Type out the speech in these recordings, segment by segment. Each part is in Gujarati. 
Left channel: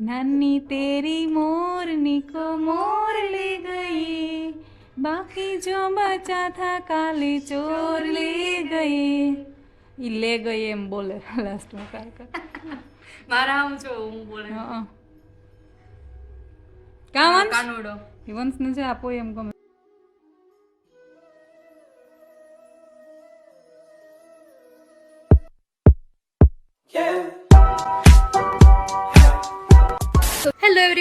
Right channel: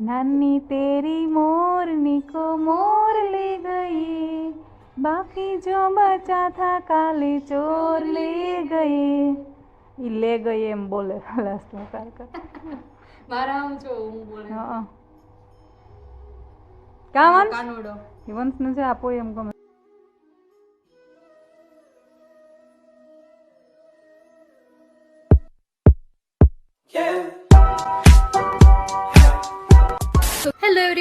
નાની તેરી મોરની કો મોર લે ગઈ. બાકી જો બચા થા કાલે ચોર લે ગઈ. ઈ લે ગઈ એમ બોલે લાસ્ટમાં કારકર મારા આમ જો હું બોલે. હા કા વંશ? કાનુડો. ઈ વંશને છે આપો એમ ગમે.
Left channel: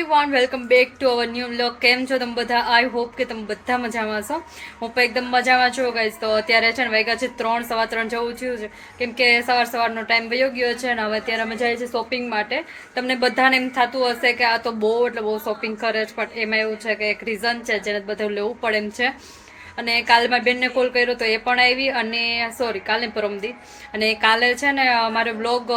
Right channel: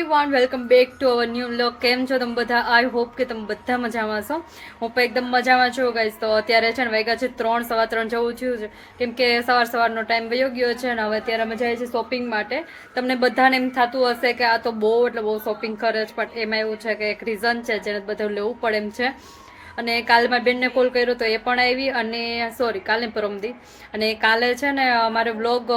Everyone welcome back to our new vlog કેમ છો તમે બધા? આઈ હોપ કે તમે બધા મજામાં છો. હું પણ એકદમ મજામાં છું ગાઈશ તો અત્યારે છે ને વાગ્યા છે ત્રણ, સવા ત્રણ જવું થયું છે. કેમ કે સવાર સવારનો ટાઈમ વયો ગયો છે ને હવે અત્યારે અમે જઈએ છીએ શોપિંગ માટે. તમને બધાને એમ થતું હશે કે આ તો બહુ, એટલે બહુ શોપિંગ કરે છે, પણ એમાં એવું છે કે એક રીઝન છે જેને બધું લેવું પડે એમ છે. અને કાલે મારી બેનને કોલ કર્યો તો એ પણ આવી અને સોરી કાલે પરમદી અને કાલે છે ને મારો બ્લોગ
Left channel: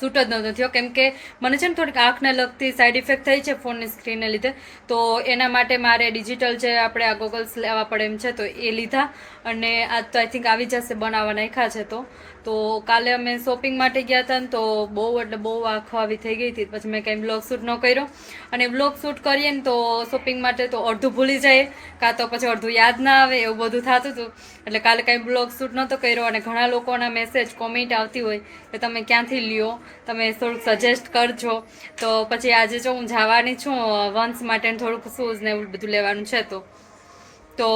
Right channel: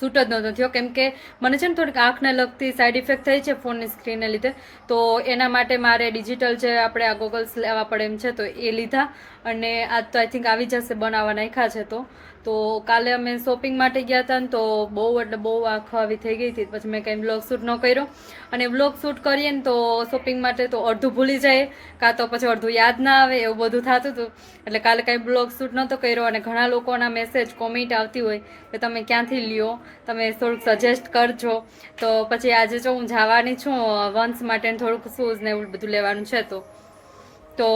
શૂટ જ નહોતો થયો. કેમ કે મને છે ને થોડીક આંખને લગતી સાઈડ ઇફેક્ટ થઈ છે ફોનની સ્ક્રીનને લીધે. તો એના માટે મારે ડિજિટલ જે આપણે આ ગોગલ્સ લેવા પડે એમ છે તો એ લીધા. અને આજ તો આઈ થિંક આવી જશે બનાવવા નાખ્યા છે તો. તો કાલે અમે શોપિંગ માટે ગયા હતા ને તો બહુ એટલે બહુ આંખ આવી થઈ ગઈ હતી. પછી મેં કંઈ બ્લોગ શૂટ ન કર્યો. અને બ્લોગ શૂટ કરીએ ને તો શોપિંગ માટે તો અડધું ભૂલી જાય કાં તો પછી અડધું યાદ ના આવે, એવું બધું થતું હતું. એટલે કાલે કંઈ બ્લોગ શૂટ નહોતો કર્યો અને ઘણા લોકોના મેસેજ કોમેન્ટ આવતી હોય કે તમે ક્યાંથી લ્યો? તમે થોડુંક સજેસ્ટ કરજો. તો પછી આજે જો હું જવાની છું વંશ માટે થોડુંક શૂઝ ને એવું બધું લેવાનું છે તો. તો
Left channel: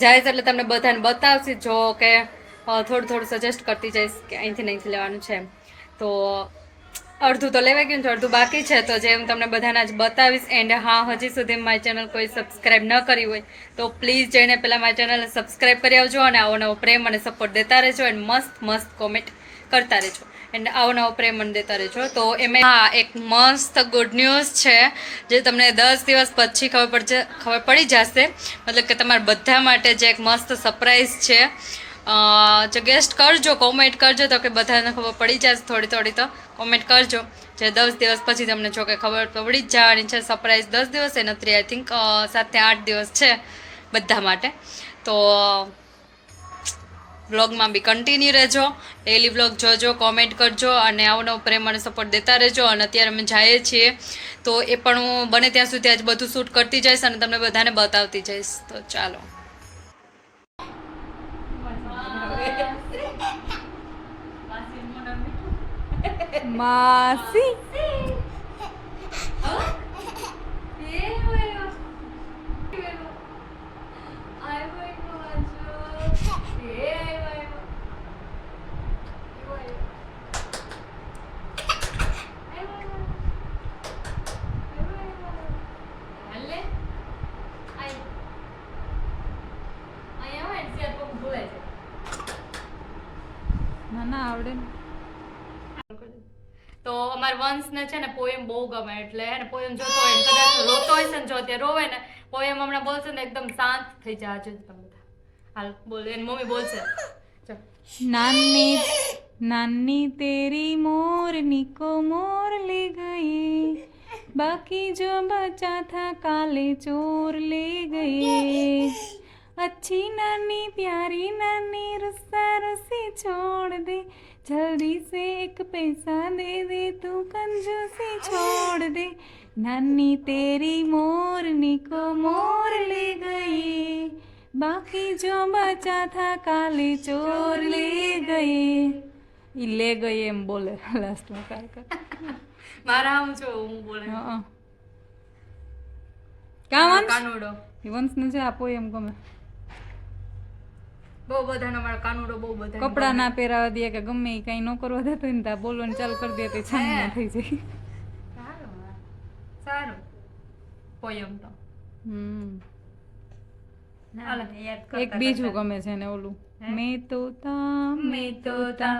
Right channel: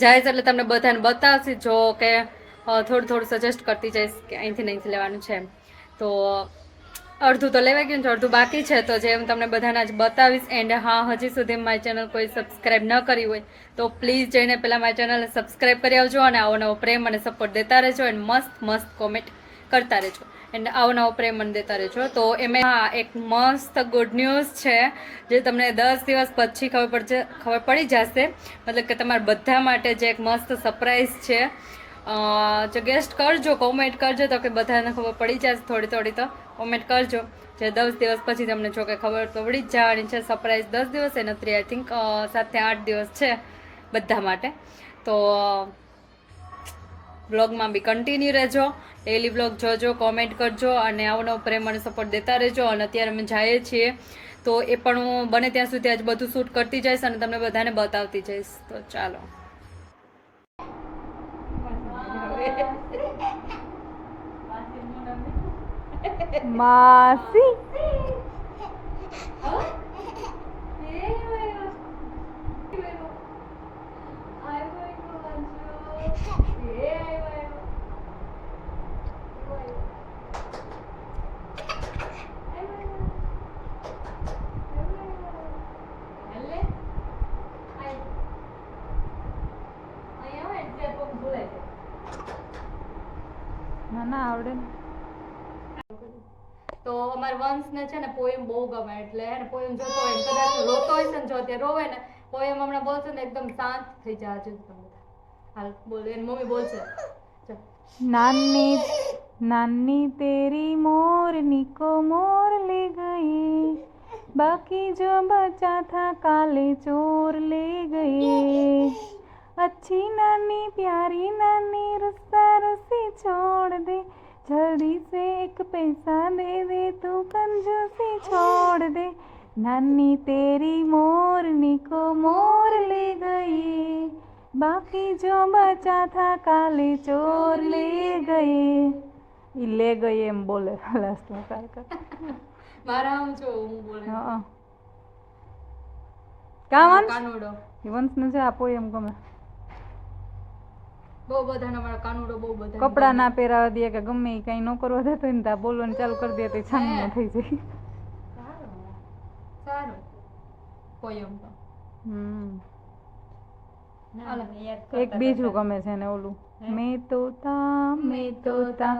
જાય એટલે તમને બધાને બતાવશે. જો કે થોડું થોડું સજેસ્ટ કરતી જઈશ કે અહીંથી અહીંથી લેવાનું છે તો અડધું તો લેવાઈ ગયું છે અડધું બાકી છે. તો જે હું તમને બધાને જ બતાવીશ એન્ડ હા, હજી સુધી મારી ચેનલ કોઈ સબસ્ક્રાઈબ ન કરી હોય, તો પ્લીઝ જઈને પહેલાં મારી ચેનલને સબસ્ક્રાઈબ કરી આવજો અને આવો નવો પ્રેમ અને સપોર્ટ દેતા રહેજો એન્ડ મસ્ત મસ્ત કોમેન્ટ કરતા રહેજો. એન્ડ આવો નવો પ્રેમ મને દેતા રહેજો. તો એમાં હા, એક મસ્ત ગુડ ન્યૂઝ છે, જે તમને દસ દિવસ પછી ખબર પડશે ખબર પડી જશે. મતલબ કે તમારા બધા માટે જે એક મસ્ત સરપ્રાઈઝ છે ગેસ્ટ કરજો કોમેન્ટ કરજો, તો કે બધાને ખબર પડી જશે થોડી થોડી તો. કોમેન્ટ કરજો. જે દસ દિવસ પછી તમને જો કે ખબર પડી જ જવાની છે. સરપ્રાઈઝ દસ દિવસ એ નથી આઈ થિંક સાતથી આઠ દિવસ છે બધા માટે. તો બ્લોગમાં બી કન્ટિન્યુ રહેજો. ડેલી બ્લોગ જોજો કોમેન્ટ કરજો અને આવો નવો પ્રેમ અને સપોર્ટ દેતા રહેજો. અને અત્યારે અમે જઈએ છીએ. તો એ પણ હું બને ત્યાં સુધી આજ બધું શૂટ કરતી જઈશ અને તમને બધાને બતાવતી જઈશ. તો ચાલો. માસી ના ના આવડે ને મારા વંશને છે ને પોએમ બહુ ગમે એટલે એને પોએમ જોતો હોય કદાચ રોતો હોય છે ને જો અત્યારે રોવે ને પોએમ હમણાં બોલશે ને એકદમ શાંત થઈ જાય. જાજો તમે હાલ, બોલ, એની મમ્મી બોલશે. નાની નાની તેરી મોર નિકો મોર લે ગઈ. બાકી જો બચા થા કાલે ચોર લે ગઈ. અચ્છી નાની, પ્યારી નાની રસ્તા રસી છોડ દે. जल्दी से एक पैसा दे दे तू कंजूसी छोड़ दे नानी तेरी मोरनी को मोर ले गई बाकी जो बचा था काले चोर ले गए ઈ લે ગઈ એમ બોલે લાસ્ટમાં કારકર મારા આમ જો હું બોલે હા કા વંશ કાનુડો ઈ વંશને છે આપો એમ ગમે બહુ બધાના મારા કાનુડો બહુ બધા કપડા ના પહેરાવા દે કે ગમે કઈ ન કરવા દેતો ને ત્યાં બોલવાનું ચાલુ કરી દે તો છાની થઈ જાય. સારું સારું. પોયમ તો. હમ. એક બીજું ગમે છે ને ઓલું. મેં તો તા મેં તો તા.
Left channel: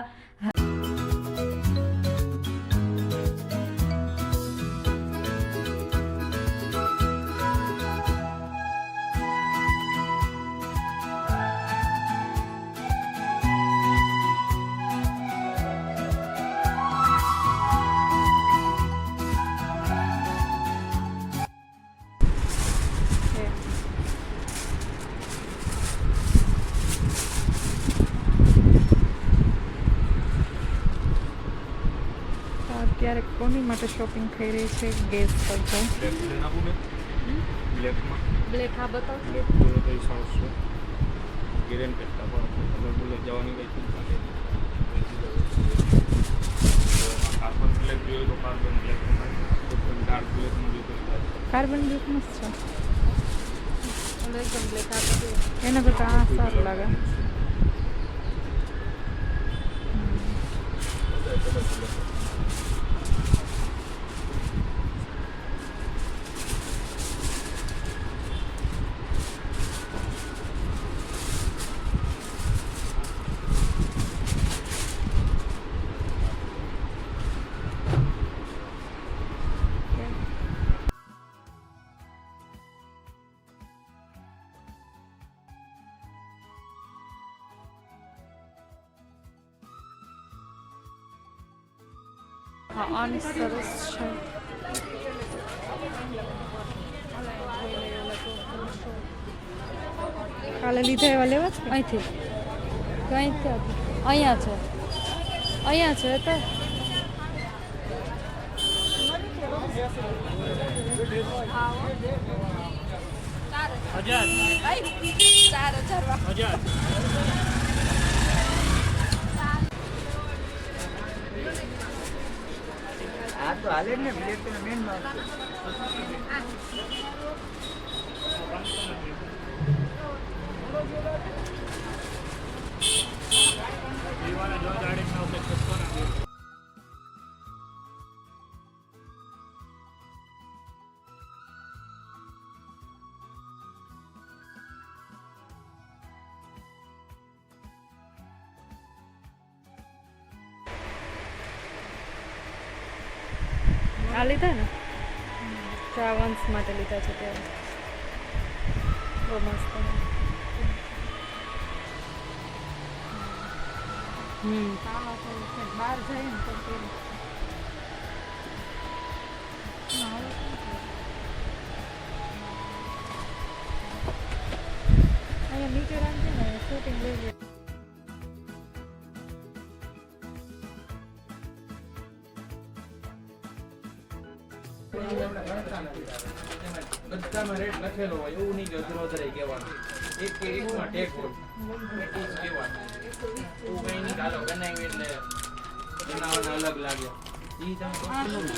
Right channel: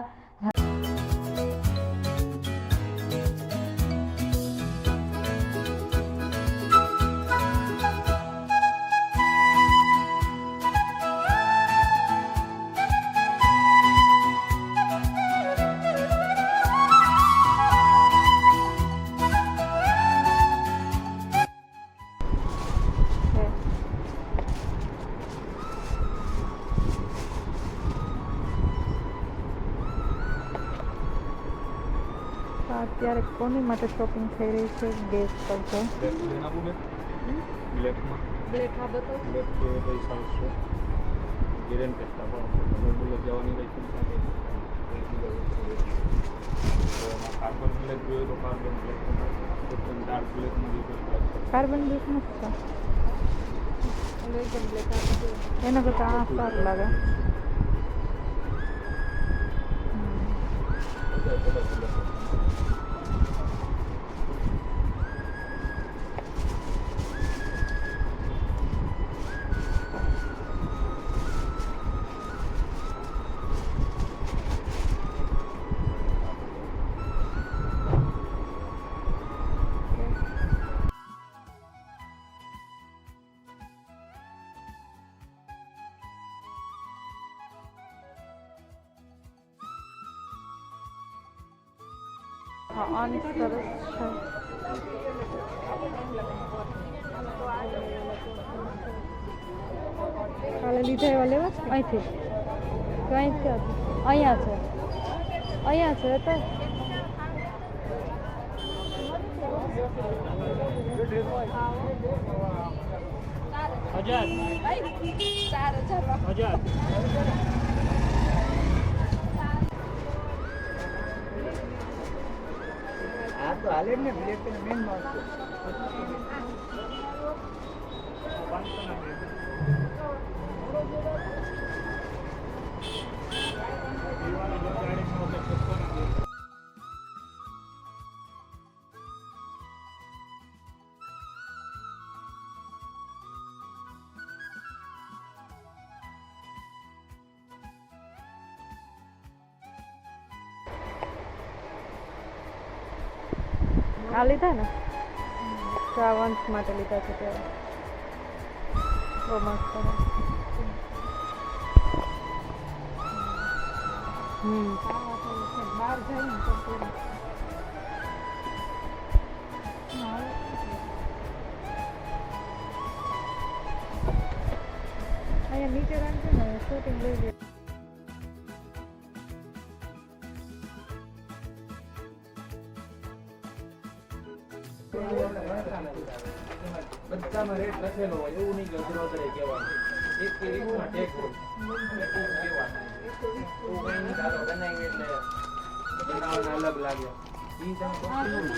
અત્યારે કોની માટે શોપિંગ થઈ રહી છે? ગેસ કરજો. કાર્બન બ્લેક મસ્ત છે. એના કરતાં આ સારું લાગે. હમ. આની સરસ છે. કાલે લીધા એવા લેવા છે? અહીંથી. કંઈ ક્યાંથી અહીંયા છે. અહીંયા છે તો. હજાર. હા તો હાલે જ ને આ લીધા ને? તો આ વંશ માટે લીધા છે ત્યારે. બહુ મસ્ત. હમ. બહાર જઈએ ને તો અહીંયા નીચે રાખજે ને શૂટિંગ લઈ બધામાં રેટ લખેલો હોય એવું નહીં કે અઘરો વધારે કહેવાનું. એક કે એકમાં ટેક હોય. એટલું જ કહેવાનું. એવું કંઈ નહીં ચાલો બનાવી એટલે બનાવવાના અલગ લાગ્યા ઈ તમે પકડી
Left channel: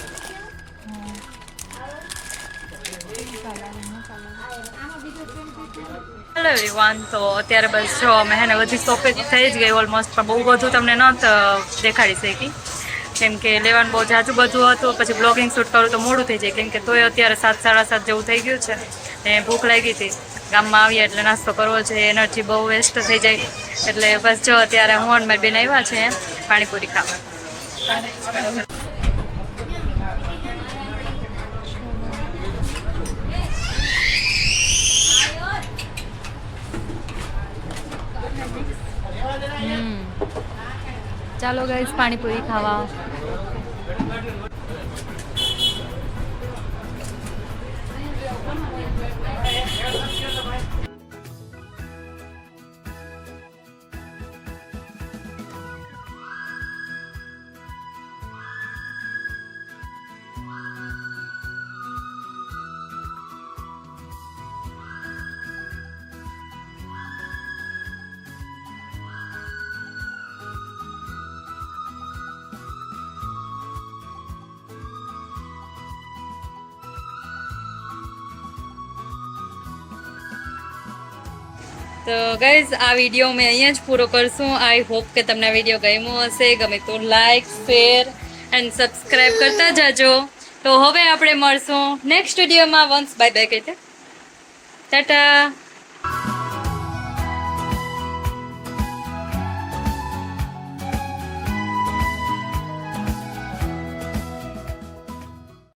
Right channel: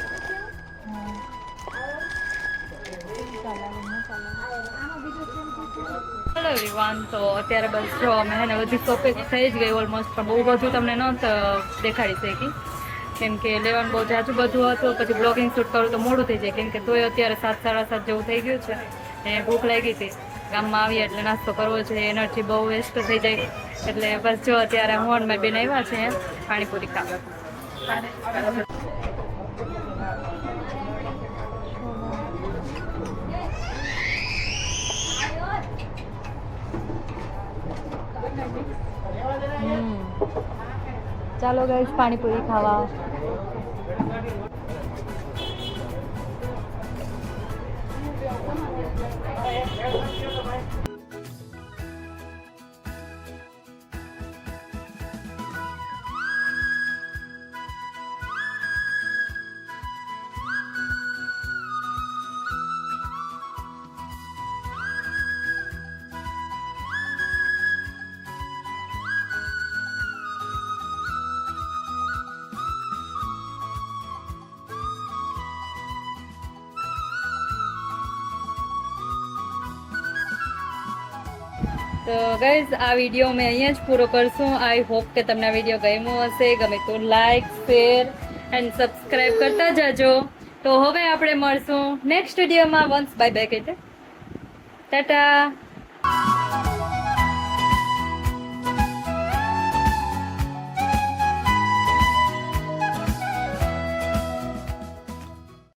હેલો એવરીવન તો અત્યારે બસ જો અમે હે ને બધી શોપિંગ થઈ જ ગઈ ઓલમોસ્ટ પણ બહુ બધું તમને ન દેખાડી શકી. કેમ કે લેવાનું બહુ જાજુ બધું હતું, પછી બ્લોગિંગ શૂટ કરું તો મોડું થઈ જાય. કેમ કે તોય અત્યારે સાત, સાડા સાત જેવું થઈ ગયું છે. ને ભૂખ લાગી હતી. ગામમાં આવીએ એટલે નાસ્તો કરવો છે. એનર્જી બહુ વેસ્ટ થઈ જાય. એટલે બસ જો અત્યારે હું અને મારી બેન આવ્યા છે પાણીપુરી ખાવા. ચાલો ગાઈઝ પાણીપુરી ખાવા. તો ગાઈઝ આ વીડિયો મેં અહીંયા જ પૂરો કરશું. આઈ હોપ કે તમને આ વીડિયો ગમ્યો હશે. ગમે તો લાઈક શેર એન્ડ સબસ્ક્રાઈબ કરતા જજો. તો હવે આપણે મળશું નેક્સ્ટ વિડીયોમાં વન્સ બાય બાય કહીતે. ટાટા